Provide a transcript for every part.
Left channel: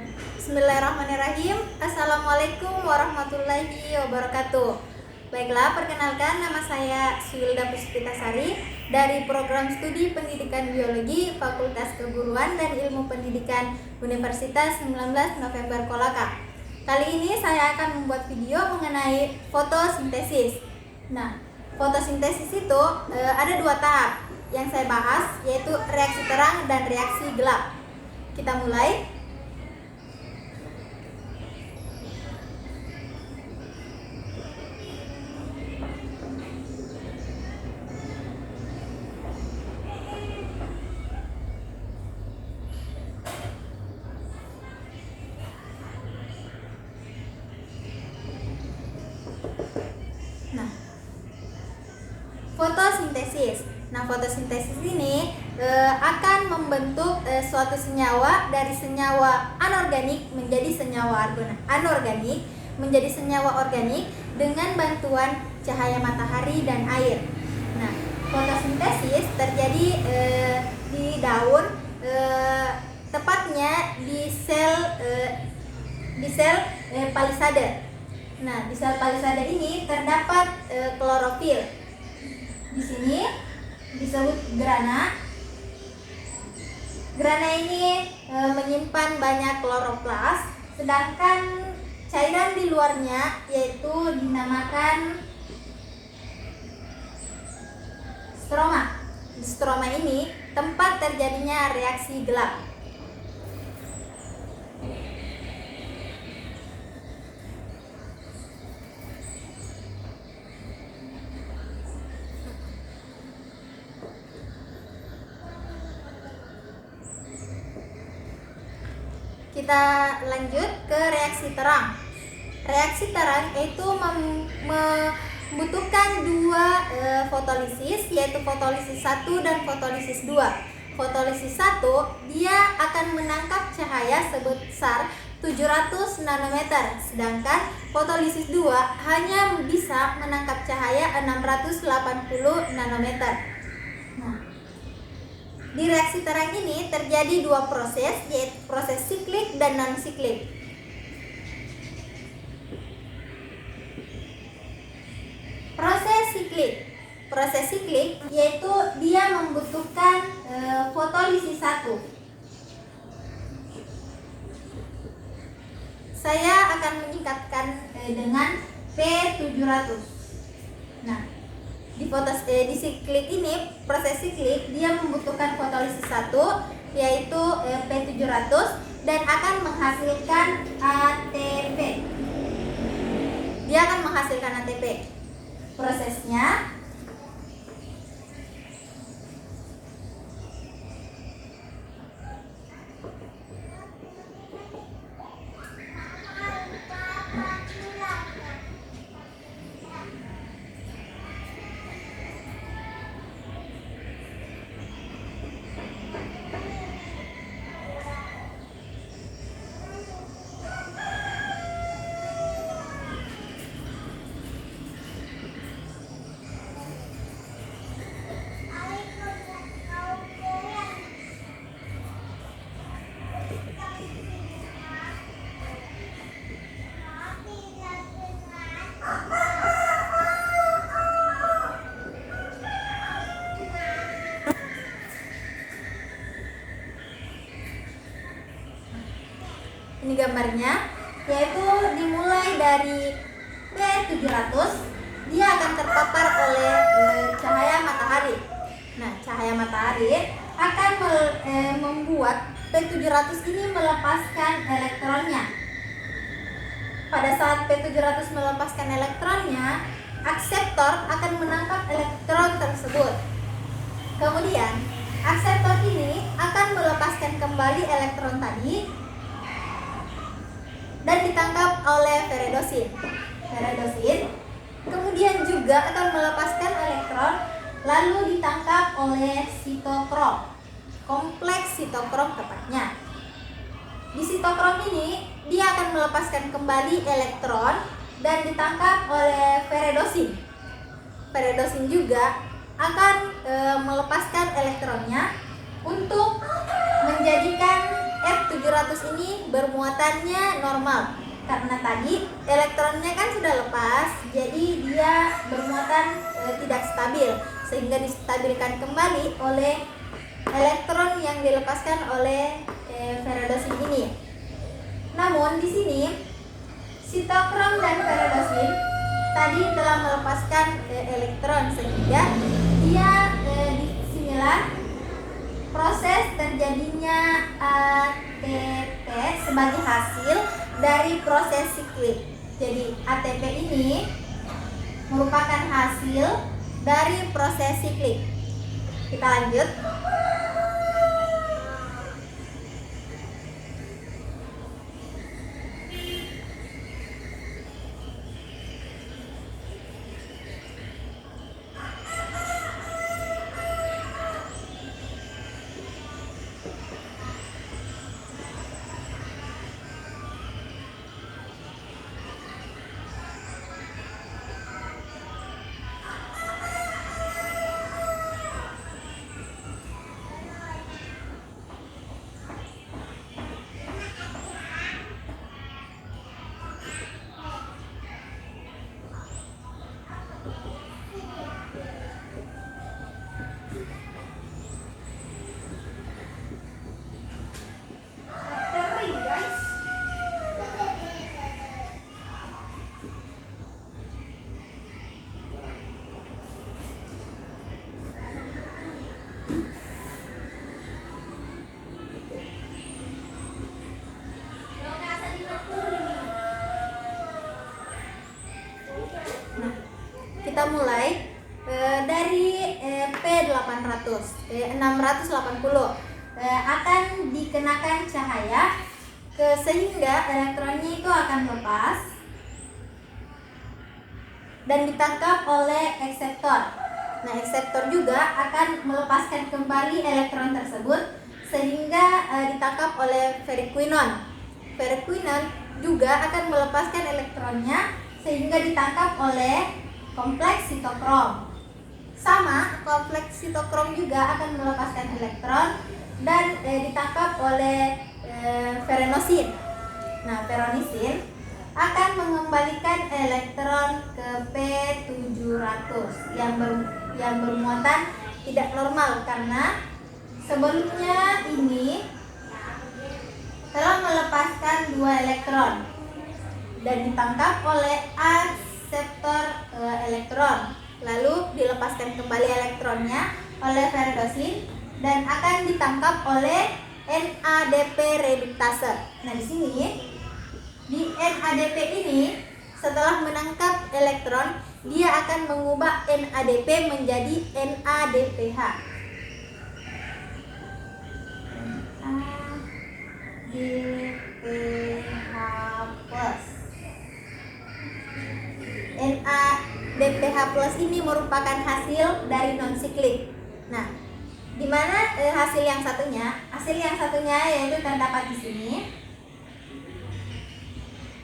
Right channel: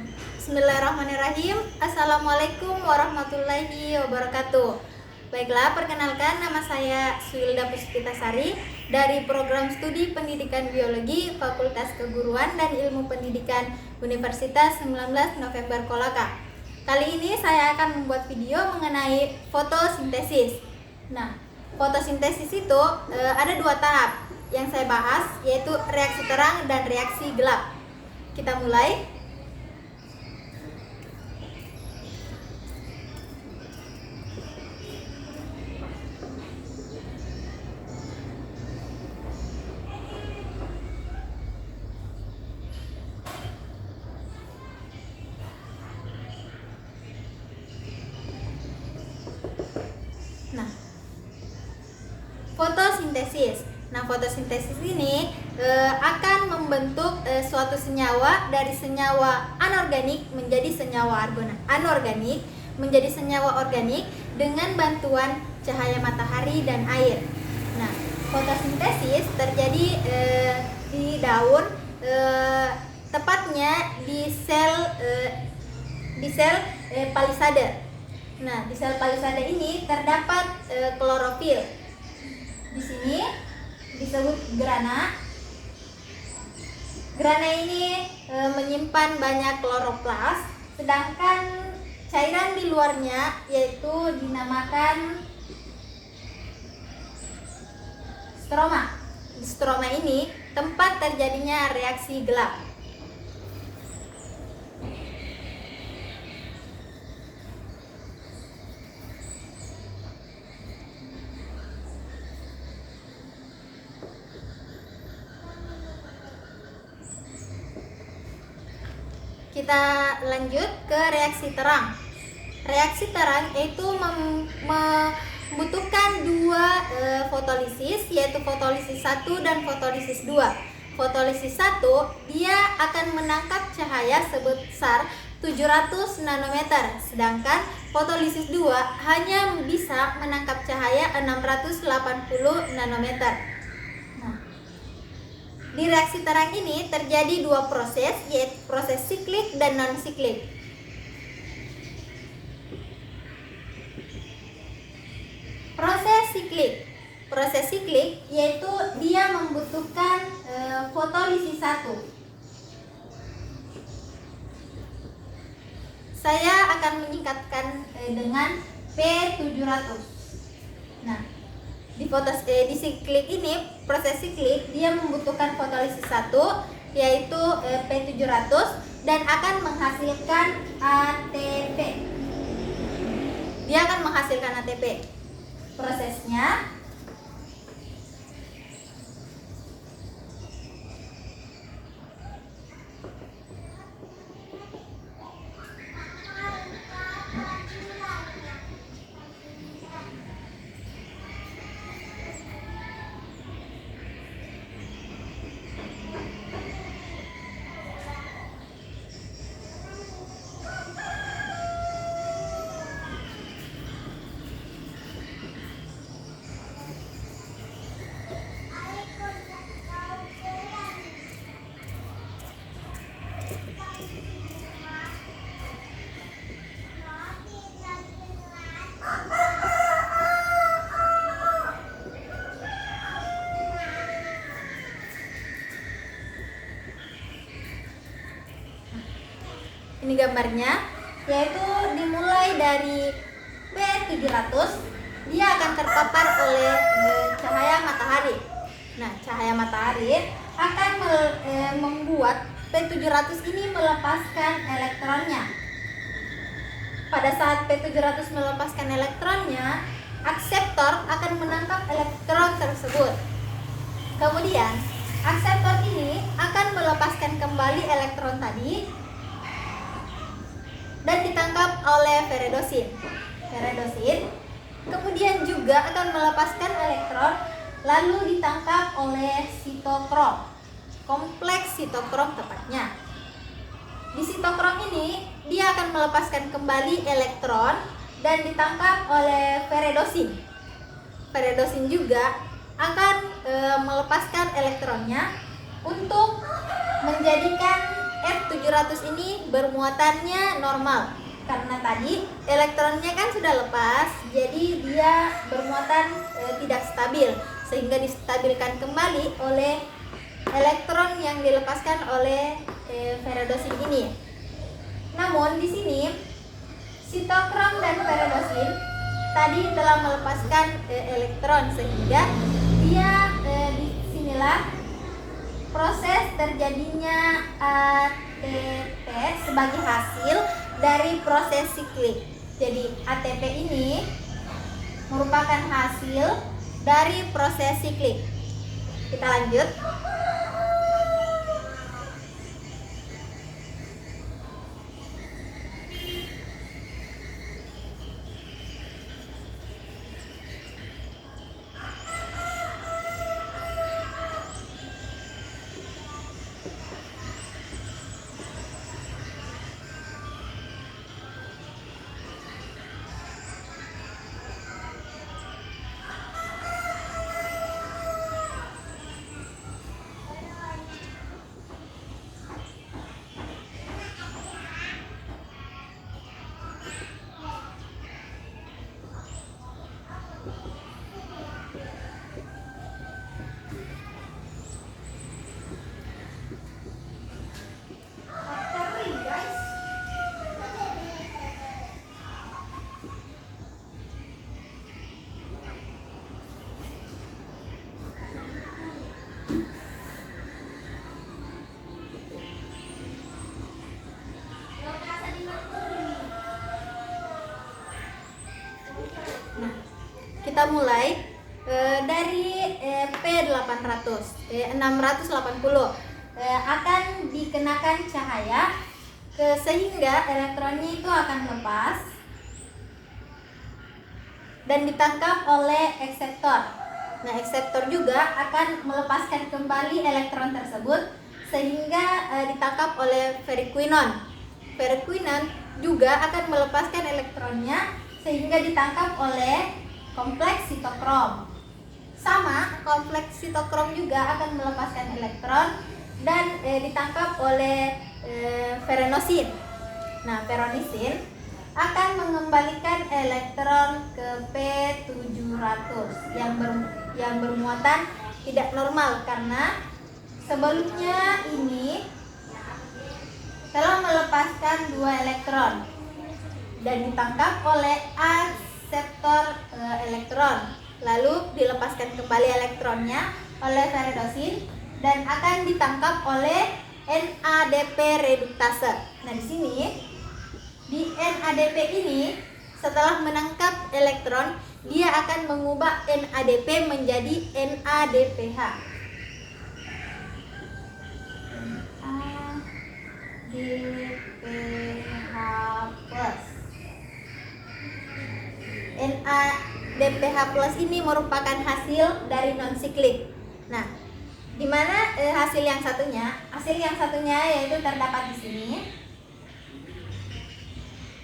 Bismillahirrahmanirrahim. Assalamualaikum warahmatullahi wabarakatuh. Baiklah, perkenalkan, nama saya Suilda Puspitasari dari Program Studi Pendidikan Biologi Fakultas Keguruan dan Ilmu Pendidikan Universitas 19 November Kolaka. Kali ini saya akan membuat video mengenai fotosintesis. Nah, fotosintesis itu ada dua tahap yang saya bahas, yaitu reaksi terang dan reaksi gelap. Kita mulai. Fotosintesis. Nah, fotosintesis ini akan membentuk suatu senyawa dari senyawa anorganik menjadi senyawa anorganik menjadi senyawa organik dengan bantuan cahaya matahari dan air. Nah, fotosintesis terjadi di daun, tepatnya di sel palisade. Nah, di sel palisade ini terdapat klorofil. Di sini disebut grana. Grana ini menyimpan banyak kloroplas, sedangkan cairan di luarnya yaitu dinamakan stroma. Di stroma ini tempat terjadinya reaksi gelap. Kita lanjut ke reaksi terang. Reaksi terang itu membutuhkan dua fotolisis, yaitu fotolisis 1 dan fotolisis 2. Fotolisis 1 dia akan menangkap cahaya sebesar 700 nanometer, sedangkan fotolisis 2 hanya bisa menangkap cahaya 680 nanometer. Di reaksi terang ini terjadi dua proses, yaitu proses siklik dan non-siklik. Proses siklik yaitu dia membutuhkan fotolisis 1. Saya akan menyingkatkan dengan P700. Nah, di siklik ini, proses siklik dia membutuhkan fotolisis 1 yaitu P700 dan akan menghasilkan ATP. Dia akan menghasilkan ATP. Prosesnya ini gambarnya, yaitu dimulai dari P700, dia akan terpapar oleh cahaya matahari. Nah, cahaya matahari akan membuat P700 ini melepaskan elektronnya. Pada saat P700 melepaskan elektronnya, akseptor akan menangkap elektron tersebut. Kemudian, akseptor ini akan melepaskan kembali elektron tadi dan ditangkap oleh feredosin. Feredosin kemudian juga akan melepaskan elektron lalu ditangkap oleh sitokrom. Kompleks sitokrom tepatnya. Di sitokrom ini dia akan melepaskan kembali elektron dan ditangkap oleh feredosin. Feredosin juga akan melepaskan elektronnya untuk menjadikan F700 ini bermuatannya normal. Karena tadi elektronnya kan sudah lepas, jadi dia bermuatan tidak stabil, sehingga distabilkan kembali oleh elektron yang dilepaskan oleh ferredosin ini. Namun di sini sitokrom dan ferredosin tadi telah melepaskan elektron, sehingga dia disinilah proses terjadinya ATP sebagai hasil dari proses siklik. Jadi ATP ini merupakan hasil dari proses siklik. Kita lanjut. Kita mulai dari P680 akan dikenakan cahaya sehingga elektronnya itu akan lepas dan ditangkap oleh akseptor. Nah, akseptor juga akan melepaskan kembali elektron tersebut sehingga ditangkap oleh ferriquinon. Ferriquinon juga akan melepaskan elektronnya sehingga ditangkap oleh kompleks sitokrom. Sama, kompleks sitokrom juga akan melepaskan elektron dan ditangkap oleh ferrinosin. Nah, ferrinosin akan mengembalikan elektron ke P700 yang bermuatan tidak normal karena sebelumnya ini telah melepaskan 2 elektron dan ditangkap oleh akseptor elektron, lalu dilepaskan kembali elektronnya oleh ferredosin dan akan ditangkap oleh NADP reduktase. Nah, di sini di NADP ini setelah menangkap elektron, dia akan mengubah NADP menjadi NADPH. NADPH plus. NADPH plus ini merupakan hasil dari non-siklik. Nah, di mana hasil yang satunya? Hasil yang satunya yaitu terdapat di sini.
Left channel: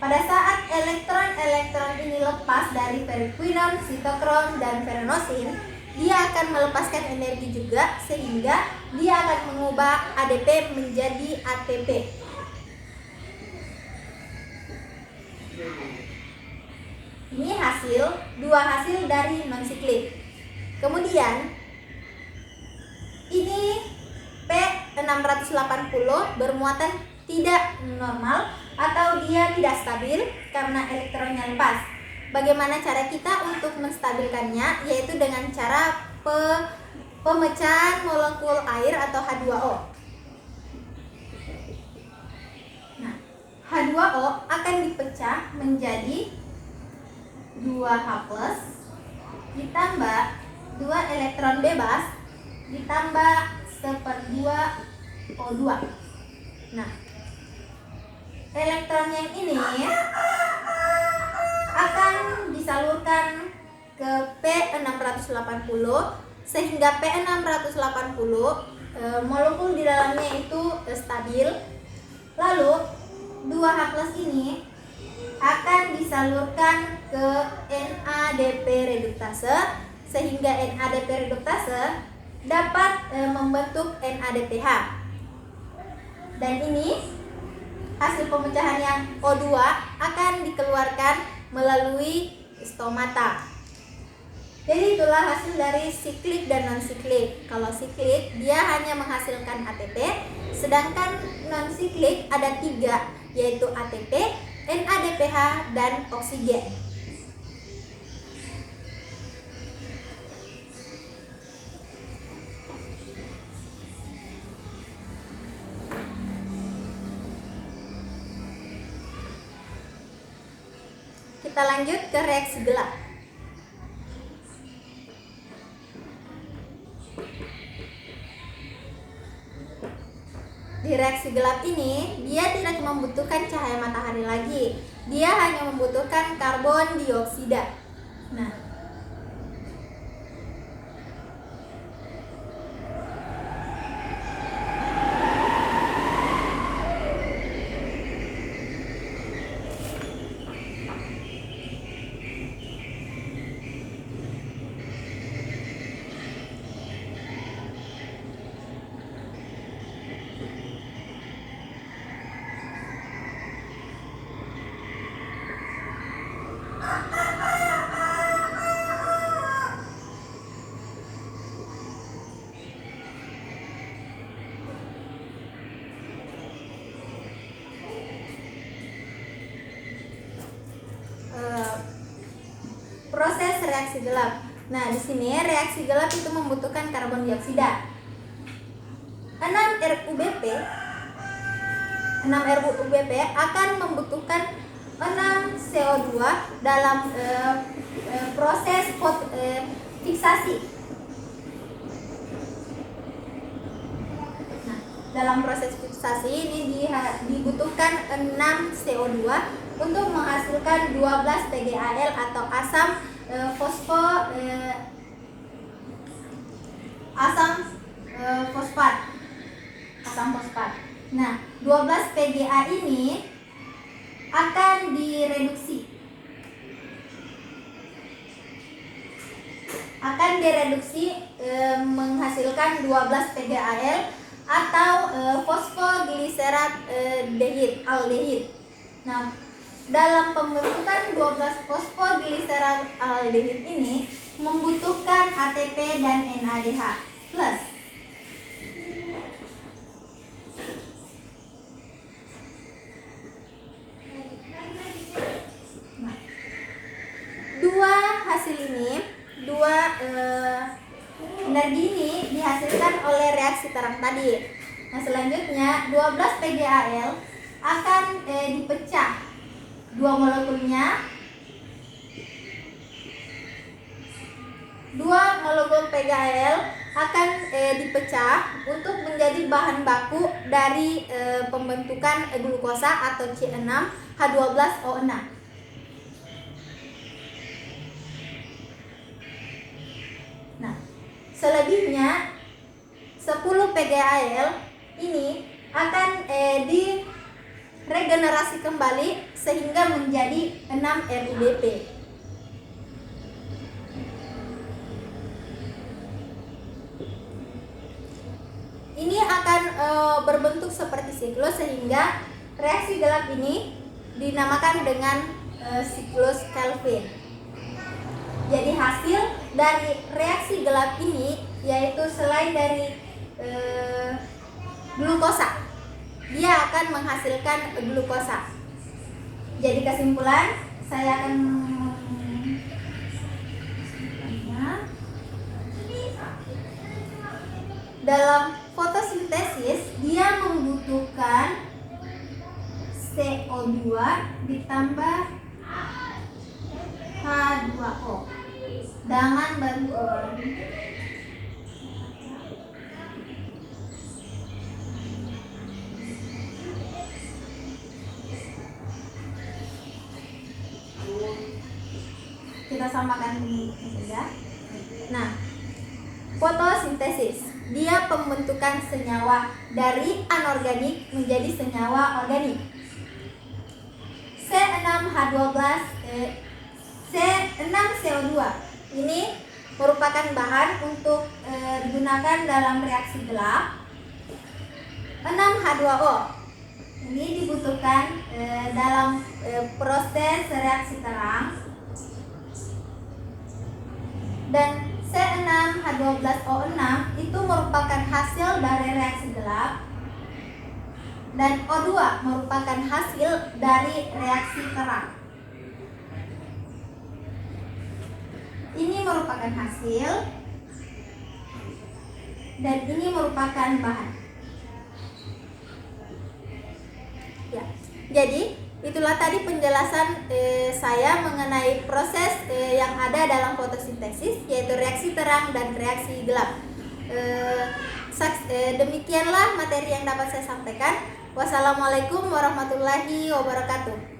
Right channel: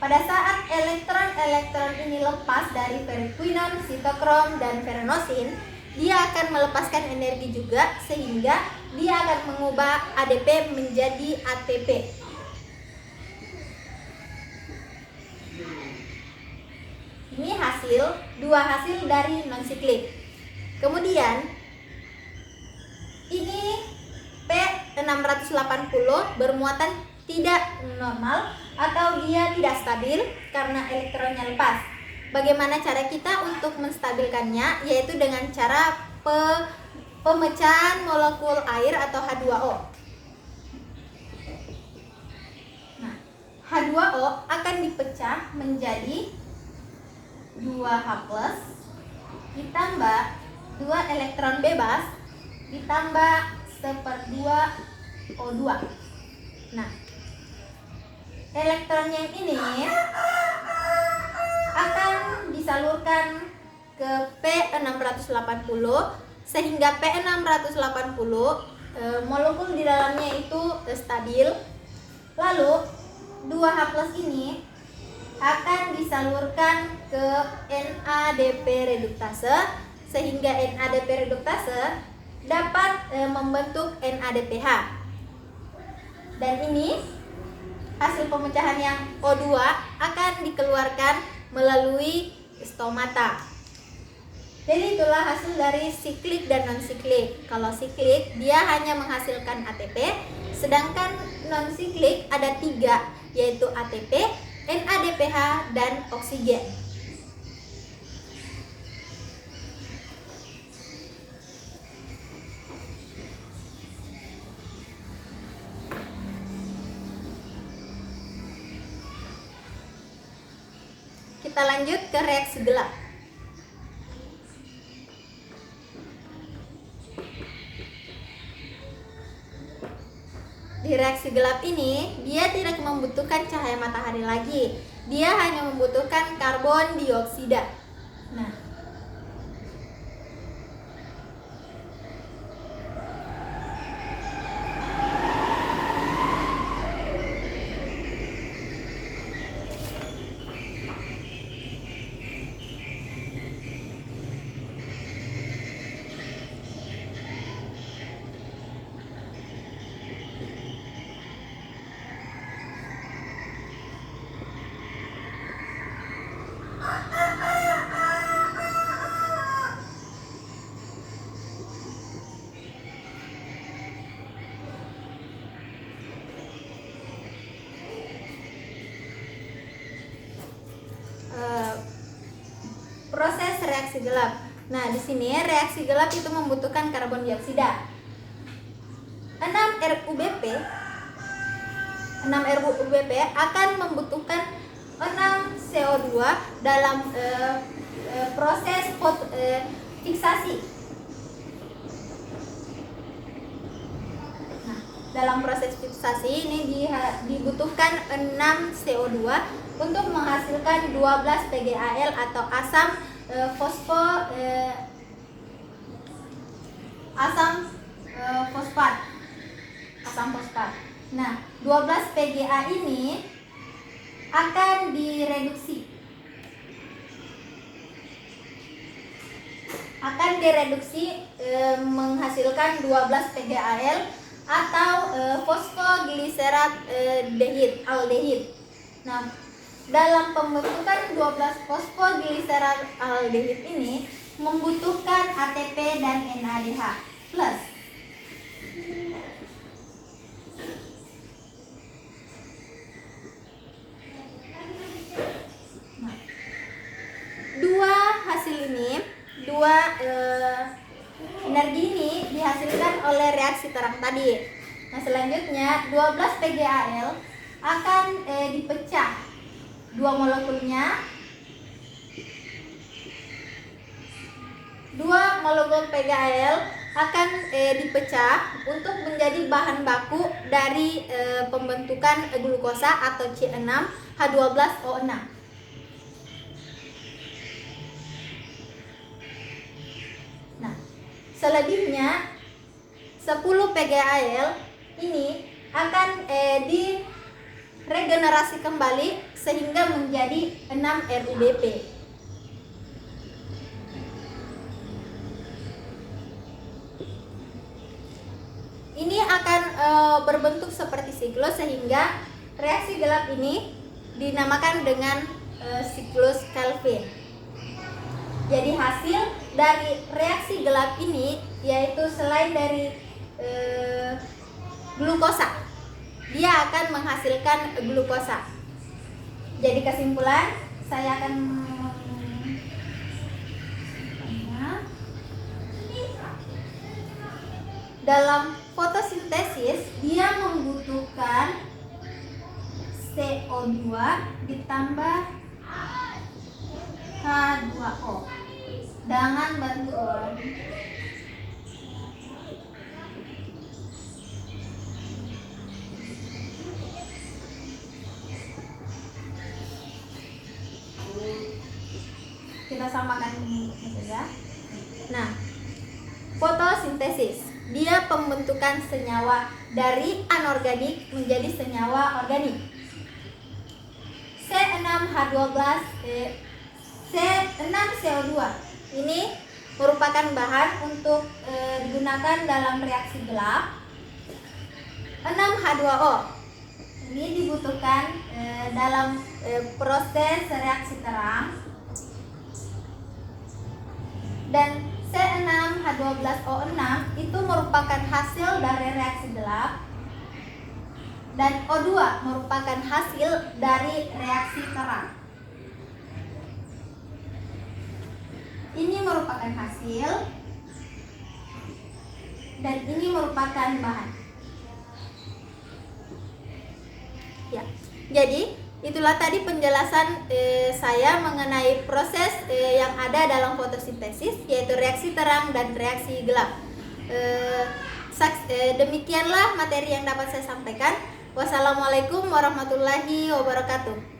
Pada saat elektron-elektron ini lepas dari ferriquinon, sitokrom, dan ferrinosin, dia akan melepaskan energi juga sehingga dia akan mengubah ADP menjadi ATP. Ini dua hasil dari non-siklik. Kemudian ini P680 bermuatan tidak normal atau dia tidak stabil karena elektronnya lepas. Bagaimana cara kita untuk menstabilkannya? Yaitu dengan cara pemecahan molekul air atau H2O. Nah, H2O akan dipecah menjadi 2H+ ditambah 2 elektron bebas ditambah 1/2 O2. Nah, elektron yang ini akan disalurkan ke P680 sehingga P680 molekul di dalamnya itu stabil. Lalu 2H+ ini akan disalurkan ke NADP reduktase sehingga NADP reduktase dapat membentuk NADPH. Dan ini hasil pemecahan yang O2 akan dikeluarkan melalui stomata. Jadi itulah hasil dari siklik dan non-siklik. Kalau siklik dia hanya menghasilkan ATP, sedangkan non-siklik ada 3, yaitu ATP, NADPH, dan oksigen. Kita lanjut ke reaksi gelap. Di reaksi gelap ini, dia tidak membutuhkan cahaya matahari lagi. Dia hanya membutuhkan karbon dioksida. Nah, proses reaksi gelap. Nah, di sini reaksi gelap itu membutuhkan karbon dioksida. 6 RUBP akan membutuhkan 6 CO2 dalam proses fiksasi. Nah, dalam proses fiksasi ini dibutuhkan 6 CO2 untuk menghasilkan 12 PgAl atau asam fosfat. Nah, 12 PGA ini akan direduksi menghasilkan 12 PgAl atau fosfogliserat aldehid. Nah, dalam pembentukan 12 fosfogliserat aldehid ini membutuhkan ATP dan NADH plus. Nah, dua energi ini dihasilkan oleh reaksi terang tadi. Nah, selanjutnya 12 PgAl akan dipecah. Dua molekul PgAl akan dipecah untuk menjadi bahan baku dari pembentukan glukosa atau C6H12O6. Nah, selebihnya 10 PgAl ini akan diregenerasi kembali sehingga menjadi 6 RUBP. Ini akan berbentuk seperti siklus sehingga reaksi gelap ini dinamakan dengan siklus Calvin. Jadi hasil dari reaksi gelap ini yaitu selain dari glukosa, dia akan menghasilkan glukosa. Jadi kesimpulan saya akan dalam fotosintesis dia membutuhkan CO2 ditambah H2O dengan bantuan kita samakan ini saja. Nah, fotosintesis dia pembentukan senyawa dari anorganik menjadi senyawa organik. C6CO2 ini merupakan bahan untuk digunakan dalam reaksi gelap. 6H2O. Ini dibutuhkan dalam proses reaksi terang. Dan C6H12O6 itu merupakan hasil dari reaksi gelap, dan O2 merupakan hasil dari reaksi terang. Ini merupakan hasil dan ini merupakan bahan. Ya, jadi itulah tadi penjelasan saya mengenai proses yang ada dalam fotosintesis, yaitu reaksi terang dan reaksi gelap. Demikianlah materi yang dapat saya sampaikan. Wassalamualaikum warahmatullahi wabarakatuh.